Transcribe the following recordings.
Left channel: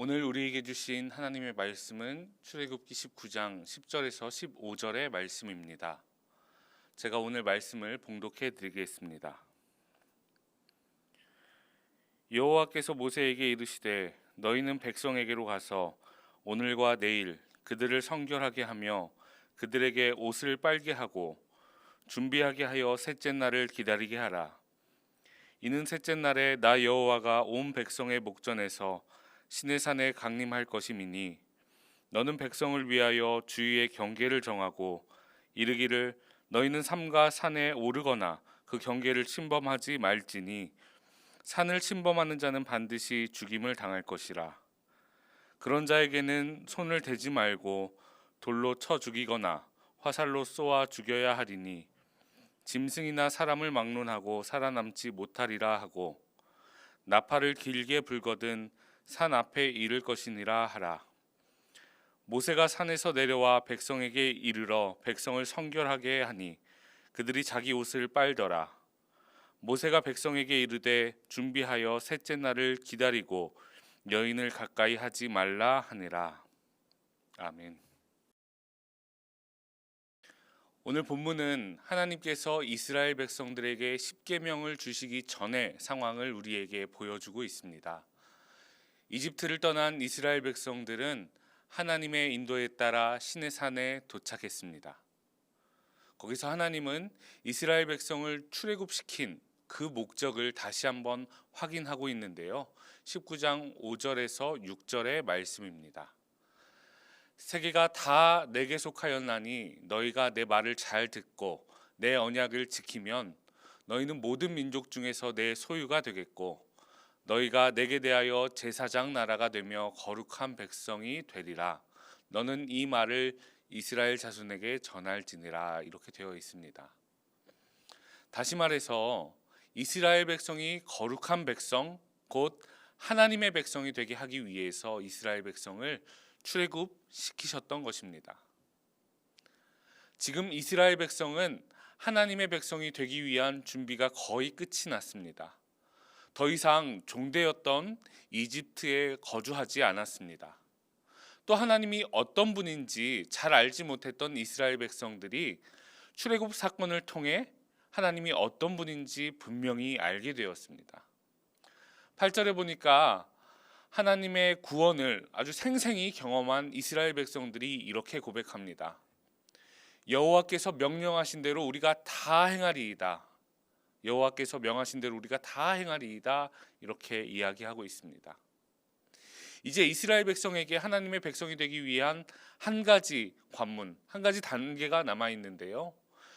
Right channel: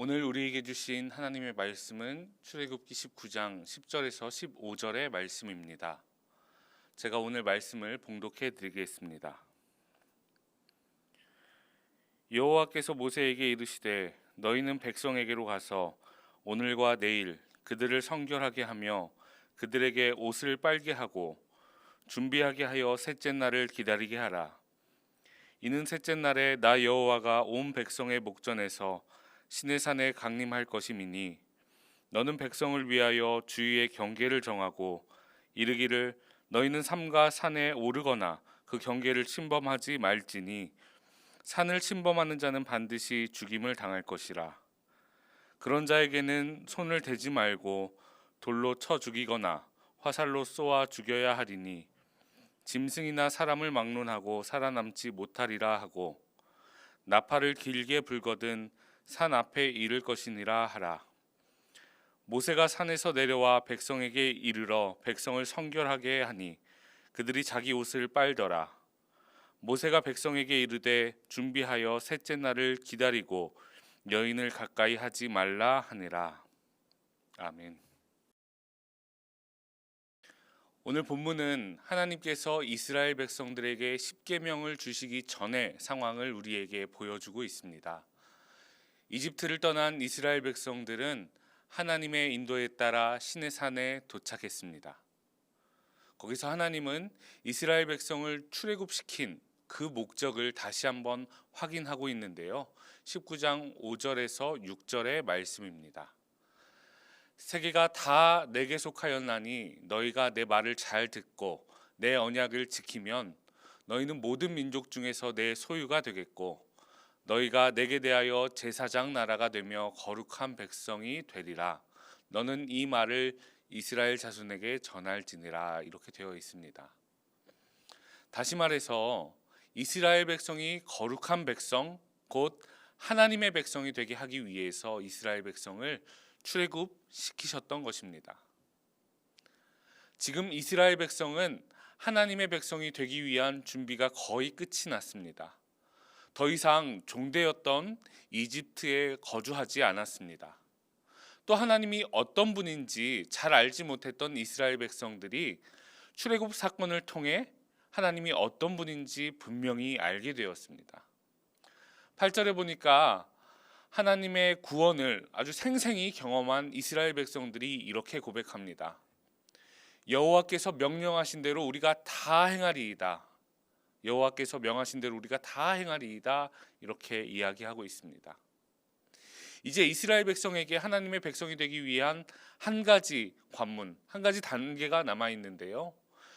오늘 우리에게 주신 하나님의 말씀은 출애굽기 19장 10절에서 15절의 말씀입니다. 제가 오늘 말씀을 봉독해 드리겠습니다. 여호와께서 모세에게 이르시되 너희는 백성에게로 가서 오늘과 내일 그들을 성결하게 하며 그들에게 옷을 빨게 하고 준비하게 하여 셋째 날을 기다리게 하라. 이는 셋째 날에 나 여호와가 온 백성의 목전에서 시내산에 강림할 것임이니 너는 백성을 위하여 주위의 경계를 정하고 이르기를 너희는 삼가 산에 오르거나 그 경계를 침범하지 말지니 산을 침범하는 자는 반드시 죽임을 당할 것이라. 그런 자에게는 손을 대지 말고 돌로 쳐 죽이거나 화살로 쏘아 죽여야 하리니 짐승이나 사람을 막론하고 살아남지 못하리라 하고 나팔을 길게 불거든 산 앞에 이를 것이니라 하라. 모세가 산에서 내려와 백성에게 이르러 백성을 성결하게 하니 그들이 자기 옷을 빨더라. 모세가 백성에게 이르되 준비하여 셋째 날을 기다리고 여인을 가까이 하지 말라 하니라. 아멘. 오늘 본문은 하나님께서 이스라엘 백성들에게 십계명을 주시기 전의 상황을 우리에게 보여주고 있습니다. 이집트를 떠난 이스라엘 백성들은 하나님의 인도에 따라 시내산에 도착했습니다. 거기서 하나님은 이스라엘 백성을 출애굽시킨 그 목적을 다시 한번 확인하고 있는데요. 19장 5절에서 6절의 말씀입니다. 세계가 다 내게 속하였나니 너희가 내 말을 잘 듣고 내 언약을 지키면 너희는 모든 민족 중에서 내 소유가 되겠고 너희가 내게 대하여 제사장 나라가 되며 거룩한 백성이 되리라. 너는 이 말을 이스라엘 자손에게 전할지니라. 이렇게 되어 있습니다. 다시 말해서 이스라엘 백성이 거룩한 백성, 곧 하나님의 백성이 되게 하기 위해서 이스라엘 백성을 출애굽시키셨던 것입니다. 지금 이스라엘 백성은 하나님의 백성이 되기 위한 준비가 거의 끝이 났습니다. 더 이상 종되었던 이집트에 거주하지 않았습니다. 또 하나님이 어떤 분인지 잘 알지 못했던 이스라엘 백성들이 출애굽 사건을 통해 하나님이 어떤 분인지 분명히 알게 되었습니다. 8절에 보니까 하나님의 구원을 아주 생생히 경험한 이스라엘 백성들이 이렇게 고백합니다. 여호와께서 명령하신 대로 우리가 다 행하리이다. 여호와께서 명하신 대로 우리가 다 행하리이다. 이렇게 이야기하고 있습니다. 이제 이스라엘 백성에게 하나님의 백성이 되기 위한 한 가지 관문, 한 가지 단계가 남아 있는데요.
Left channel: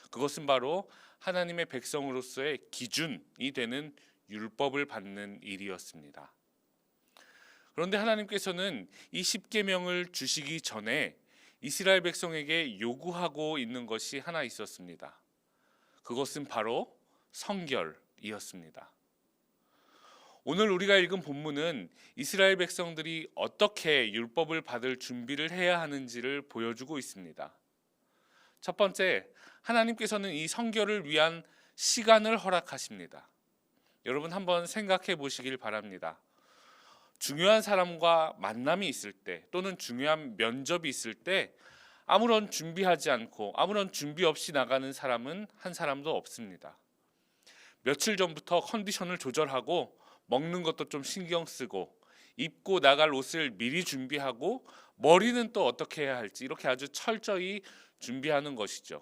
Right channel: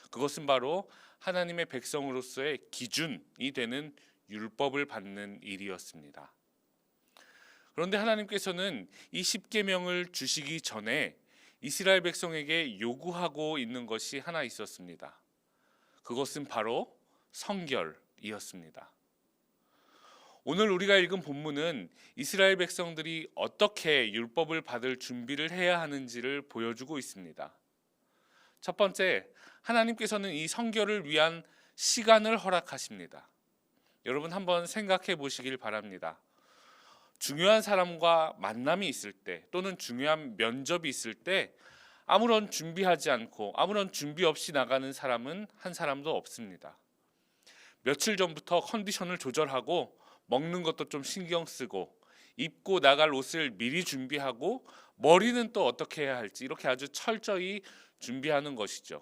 그것은 바로 하나님의 백성으로서의 기준이 되는 율법을 받는 일이었습니다. 그런데 하나님께서는 이 십계명을 주시기 전에 이스라엘 백성에게 요구하고 있는 것이 하나 있었습니다. 그것은 바로 성결이었습니다. 오늘 우리가 읽은 본문은 이스라엘 백성들이 어떻게 율법을 받을 준비를 해야 하는지를 보여주고 있습니다. 첫 번째, 하나님께서는 이 성결을 위한 시간을 허락하십니다. 여러분 한번 생각해 보시길 바랍니다. 중요한 사람과 만남이 있을 때 또는 중요한 면접이 있을 때 아무런 준비하지 않고 아무런 준비 없이 나가는 사람은 한 사람도 없습니다. 며칠 전부터 컨디션을 조절하고 먹는 것도 좀 신경 쓰고 입고 나갈 옷을 미리 준비하고 머리는 또 어떻게 해야 할지 이렇게 아주 철저히 준비하는 것이죠.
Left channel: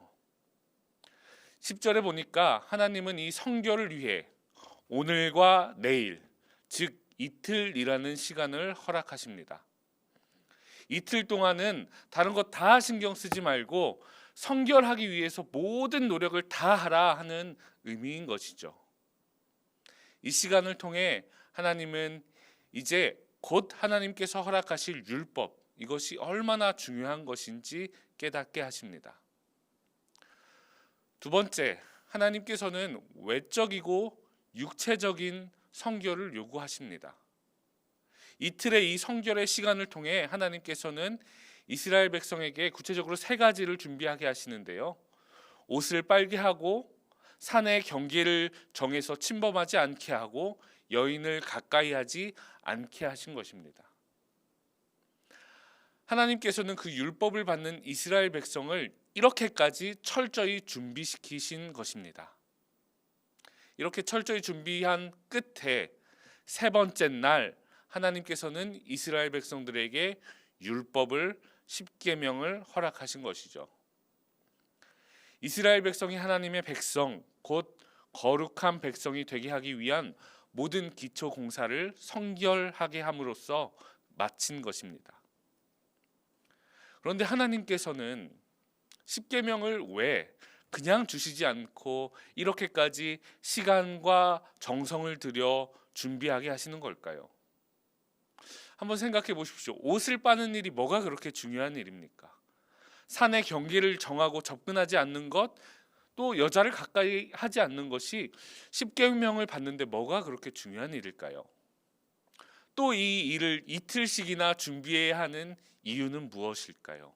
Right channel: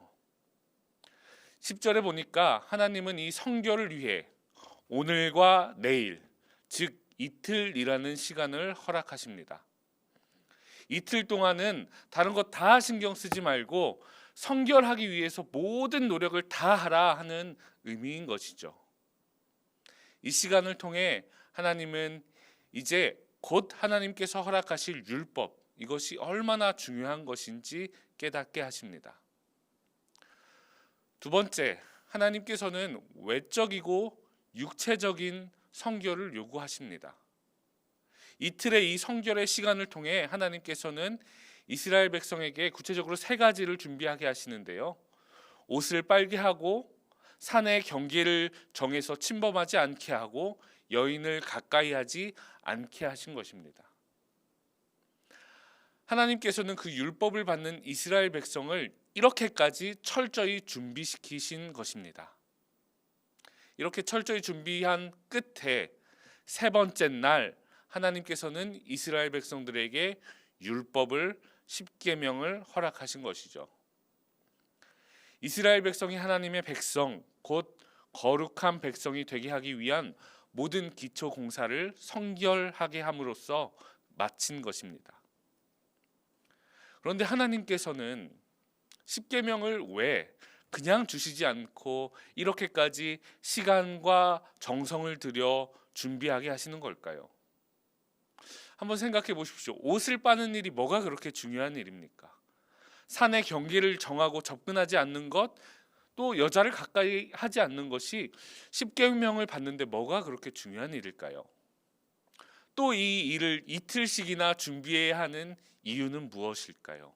10절에 보니까 하나님은 이 성결을 위해 오늘과 내일, 즉 이틀이라는 시간을 허락하십니다. 이틀 동안은 다른 거 다 신경 쓰지 말고 성결하기 위해서 모든 노력을 다 하라 하는 의미인 것이죠. 이 시간을 통해 하나님은 이제 곧 하나님께서 허락하실 율법, 이것이 얼마나 중요한 것인지 깨닫게 하십니다. 두 번째, 하나님께서는 외적이고 육체적인 성결을 요구하십니다. 이틀의 이 성결의 시간을 통해 하나님께서는 이스라엘 백성에게 구체적으로 세 가지를 준비하게 하시는데요. 옷을 빨게 하고 산의 경계를 정해서 침범하지 않게 하고 여인을 가까이 하지 않게 하신 것입니다. 하나님께서는 그 율법을 받는 이스라엘 백성을 이렇게까지 철저히 준비시키신 것입니다. 이렇게 철저히 준비한 끝에 세 번째 날 하나님께서는 이스라엘 백성들에게 율법을 십계명을 허락하신 것이죠. 이스라엘 백성이 하나님의 백성, 곧 거룩한 백성이 되게 하기 위한 모든 기초 공사를 성결하게 함으로써 마친 것입니다. 그런데 하나님께서는 십계명을 왜 그냥 주시지 않고 이렇게까지 시간과 정성을 들여 준비하게 하시는 걸까요? 한번 생각해 보십시오. 옷을 빠는 일이 뭐가 그렇게 중요한 일입니까? 산의 경계를 정하고 접근하지 않는 것, 또 여자를 가까이 하지 않는 것이 십계명을 받는데 뭐가 그렇게 중요한 일일까요? 또 이 일을 이틀씩이나 준비해야 하는 이유는 무엇일까요?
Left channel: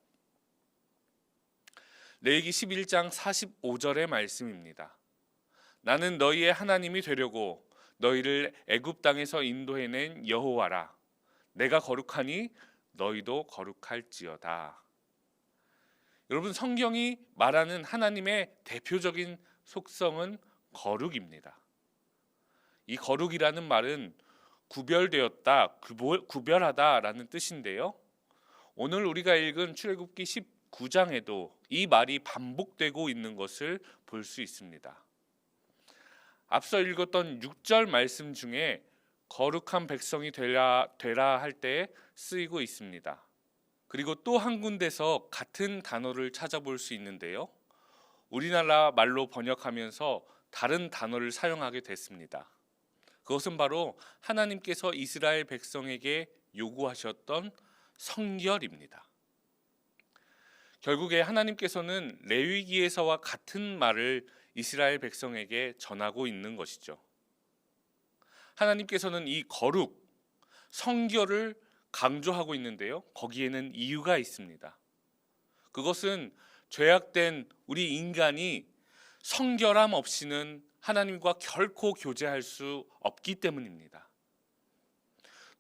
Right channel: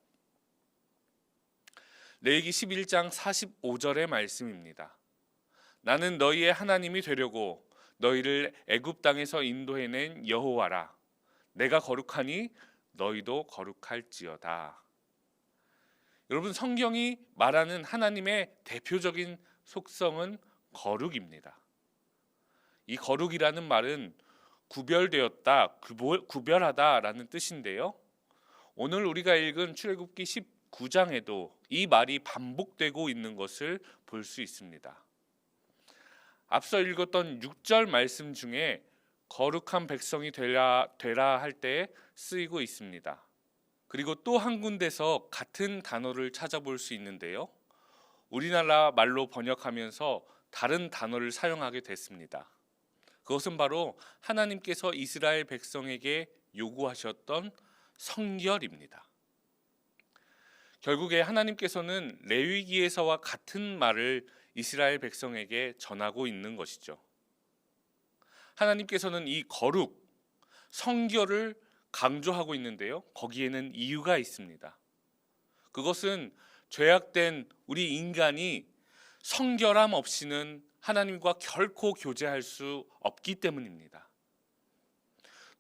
레위기 11장 45절의 말씀입니다. 나는 너희의 하나님이 되려고 너희를 애굽 땅에서 인도해낸 여호와라. 내가 거룩하니 너희도 거룩할지어다. 여러분, 성경이 말하는 하나님의 대표적인 속성은 거룩입니다. 이 거룩이라는 말은 구별되었다, 구별하다라는 뜻인데요. 오늘 우리가 읽은 출애굽기 19장에도 이 말이 반복되고 있는 것을 볼 수 있습니다. 앞서 읽었던 6절 말씀 중에 거룩한 백성이 되라 할 때 쓰이고 있습니다. 그리고 또 한 군데서 같은 단어를 찾아볼 수 있는데요. 우리나라 말로 번역하면서 다른 단어를 사용하게 됐습니다. 그것은 바로 하나님께서 이스라엘 백성에게 요구하셨던 성결입니다. 결국에 하나님께서는 레위기에서와 같은 말을 이스라엘 백성에게 전하고 있는 것이죠. 하나님께서는 이 거룩, 성결을 강조하고 있는데요. 거기에는 이유가 있습니다. 그것은 죄악된 우리 인간이 성결함 없이는 하나님과 결코 교제할 수 없기 때문입니다.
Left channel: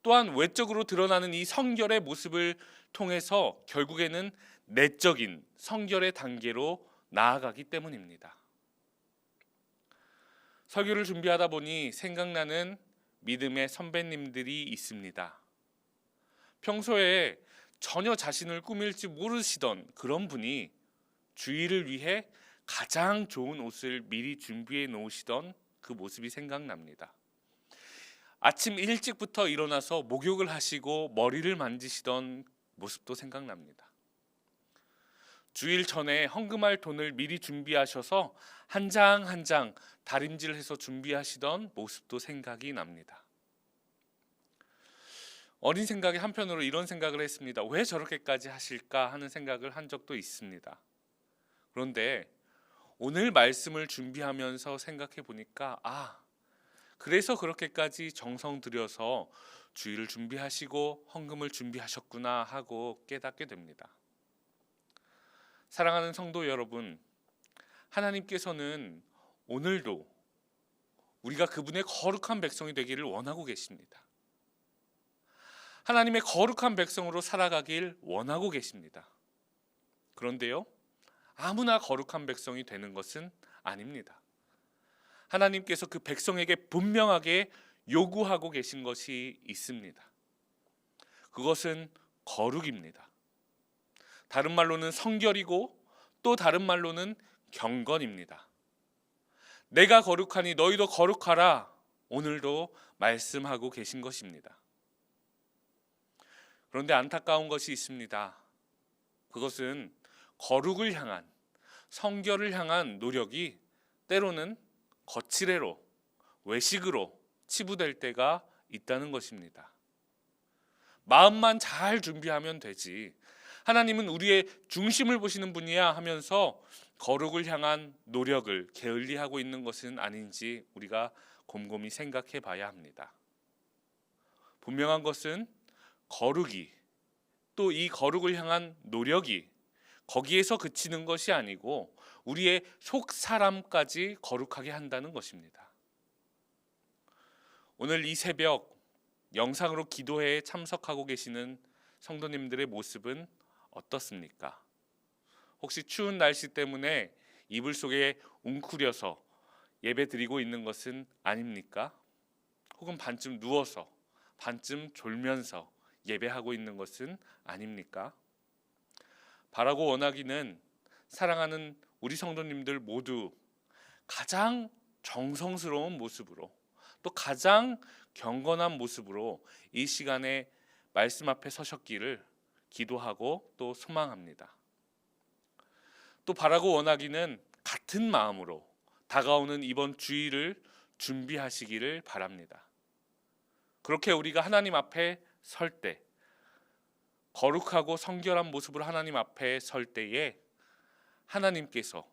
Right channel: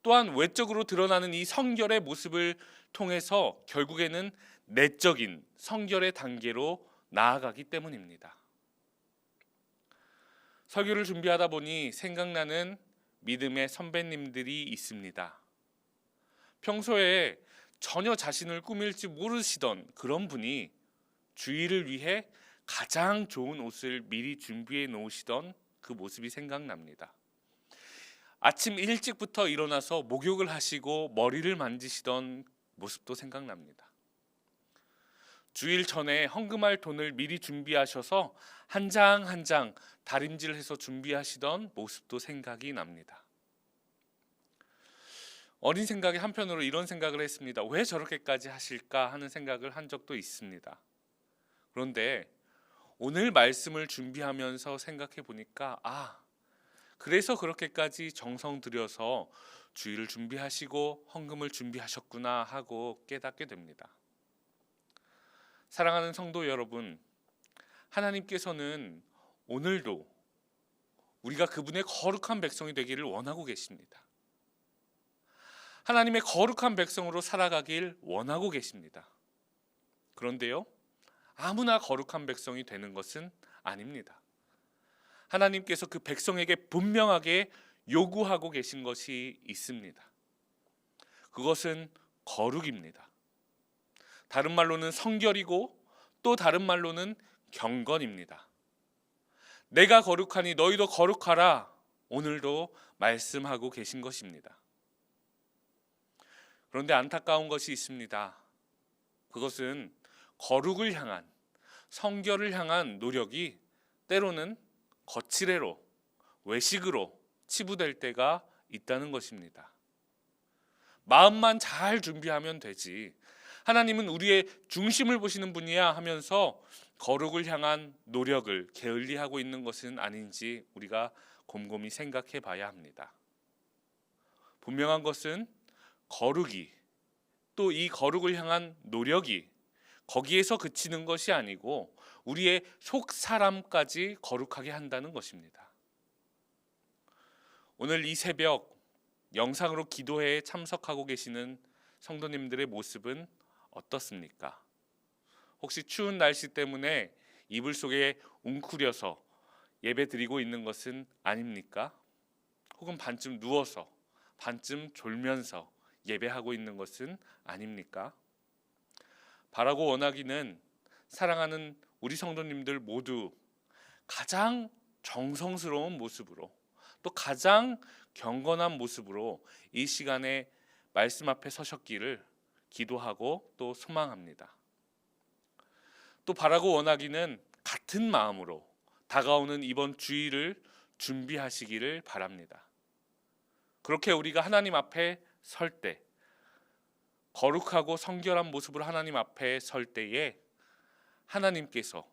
또한 외적으로 드러나는 이 성결의 모습을 통해서 결국에는 내적인 성결의 단계로 나아가기 때문입니다. 설교를 준비하다 보니 생각나는 믿음의 선배님들이 있습니다. 평소에 전혀 자신을 꾸밀지 모르시던 그런 분이 주일을 위해 가장 좋은 옷을 미리 준비해 놓으시던 그 모습이 생각납니다. 아침 일찍부터 일어나서 목욕을 하시고 머리를 만지시던 모습도 생각납니다. 주일 전에 헌금할 돈을 미리 준비하셔서 한 장 한 장 다림질해서 준비하시던 모습도 생각이 납니다. 어린 생각에 한편으로 이런 생각을 했습니다. 왜 저렇게까지 하실까 하는 생각을 한 적도 있습니다. 그런데 오늘 말씀을 준비하면서 생각해 보니까 그래서 그렇게까지 정성 들여서 주일을 준비하시고 헌금을 준비하셨구나 하고 깨닫게 됩니다. 사랑하는 성도 여러분, 하나님께서는 오늘도 우리가 그분의 거룩한 백성이 되기를 원하고 계십니다. 하나님의 거룩한 백성으로 살아가길 원하고 계십니다. 그런데요, 아무나 거룩한 백성이 되는 것은 아닙니다. 하나님께서 그 백성에게 분명하게 요구하고 계신 것이 있습니다. 그것은 거룩입니다. 다른 말로는 성결이고 또 다른 말로는 경건입니다. 내가 거룩하니 너희도 거룩하라, 오늘도 말씀하고 계신 것입니다. 그런데 안타까운 것이 있습니다. 그것은 거룩을 향한, 성결을 향한 노력이 때로는 거칠애로, 외식으로 치부될 때가 있다는 것입니다. 마음만 잘 준비하면 되지, 하나님은 우리의 중심을 보시는 분이야 하면서 거룩을 향한 노력을 게을리하고 있는 것은 아닌지 우리가 곰곰이 생각해 봐야 합니다. 분명한 것은 거룩이, 또 이 거룩을 향한 노력이 거기에서 그치는 것이 아니고 우리의 속 사람까지 거룩하게 한다는 것입니다. 오늘 이 새벽 영상으로 기도회에 참석하고 계시는 성도님들의 모습은 어떻습니까? 혹시 추운 날씨 때문에 이불 속에 웅크려서 예배 드리고 있는 것은 아닙니까? 혹은 반쯤 누워서, 반쯤 졸면서 예배하고 있는 것은 아닙니까? 바라고 원하기는 사랑하는 우리 성도님들 모두 가장 정성스러운 모습으로, 또 가장 경건한 모습으로 이 시간에 말씀 앞에 서셨기를 기도하고 또 소망합니다. 또 바라고 원하기는 같은 마음으로 다가오는 이번 주일을 준비하시기를 바랍니다. 그렇게 우리가 하나님 앞에 설 때, 거룩하고 성결한 모습으로 하나님 앞에 설 때에 하나님께서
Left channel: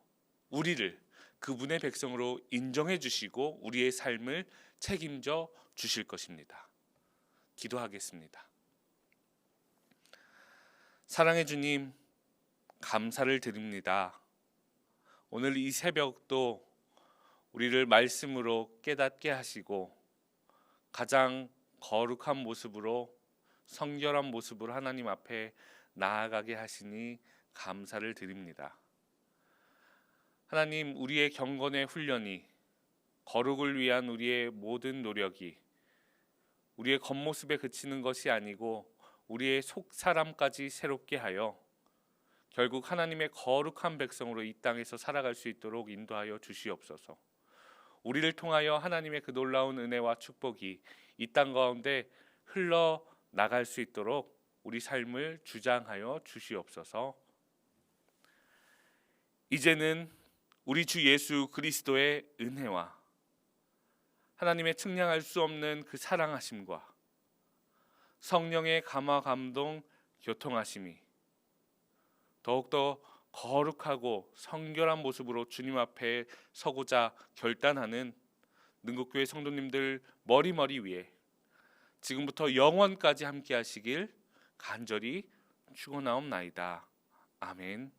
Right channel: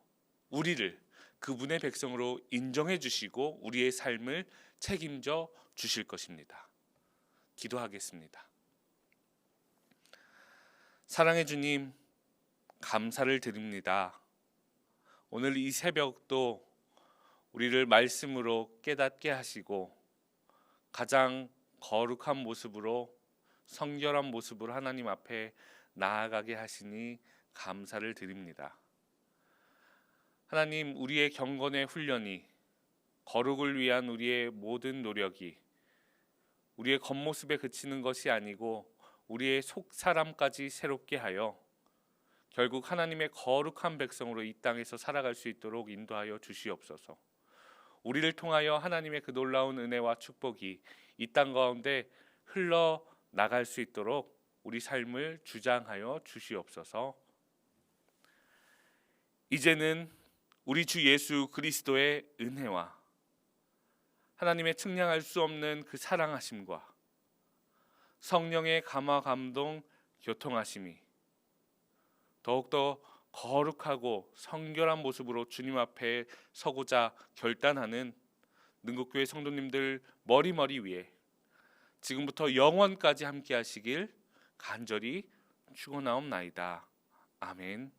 우리를 그분의 백성으로 인정해 주시고 우리의 삶을 책임져 주실 것입니다. 기도하겠습니다. 사랑의 주님, 감사를 드립니다. 오늘 이 새벽도 우리를 말씀으로 깨닫게 하시고 가장 거룩한 모습으로, 성결한 모습으로 하나님 앞에 나아가게 하시니 감사를 드립니다. 하나님, 우리의 경건의 훈련이, 거룩을 위한 우리의 모든 노력이 우리의 겉모습에 그치는 것이 아니고 우리의 속 사람까지 새롭게 하여 결국 하나님의 거룩한 백성으로 이 땅에서 살아갈 수 있도록 인도하여 주시옵소서. 우리를 통하여 하나님의 그 놀라운 은혜와 축복이 이 땅 가운데 흘러나갈 수 있도록 우리 삶을 주장하여 주시옵소서. 이제는 우리 주 예수 그리스도의 은혜와 하나님의 측량할 수 없는 그 사랑하심과 성령의 감화 감동 교통하심이 더욱더 거룩하고 성결한 모습으로 주님 앞에 서고자 결단하는 능곡교회 성도님들 머리머리 위에 지금부터 영원까지 함께 하시길 간절히 축원하옵나이다. 아멘.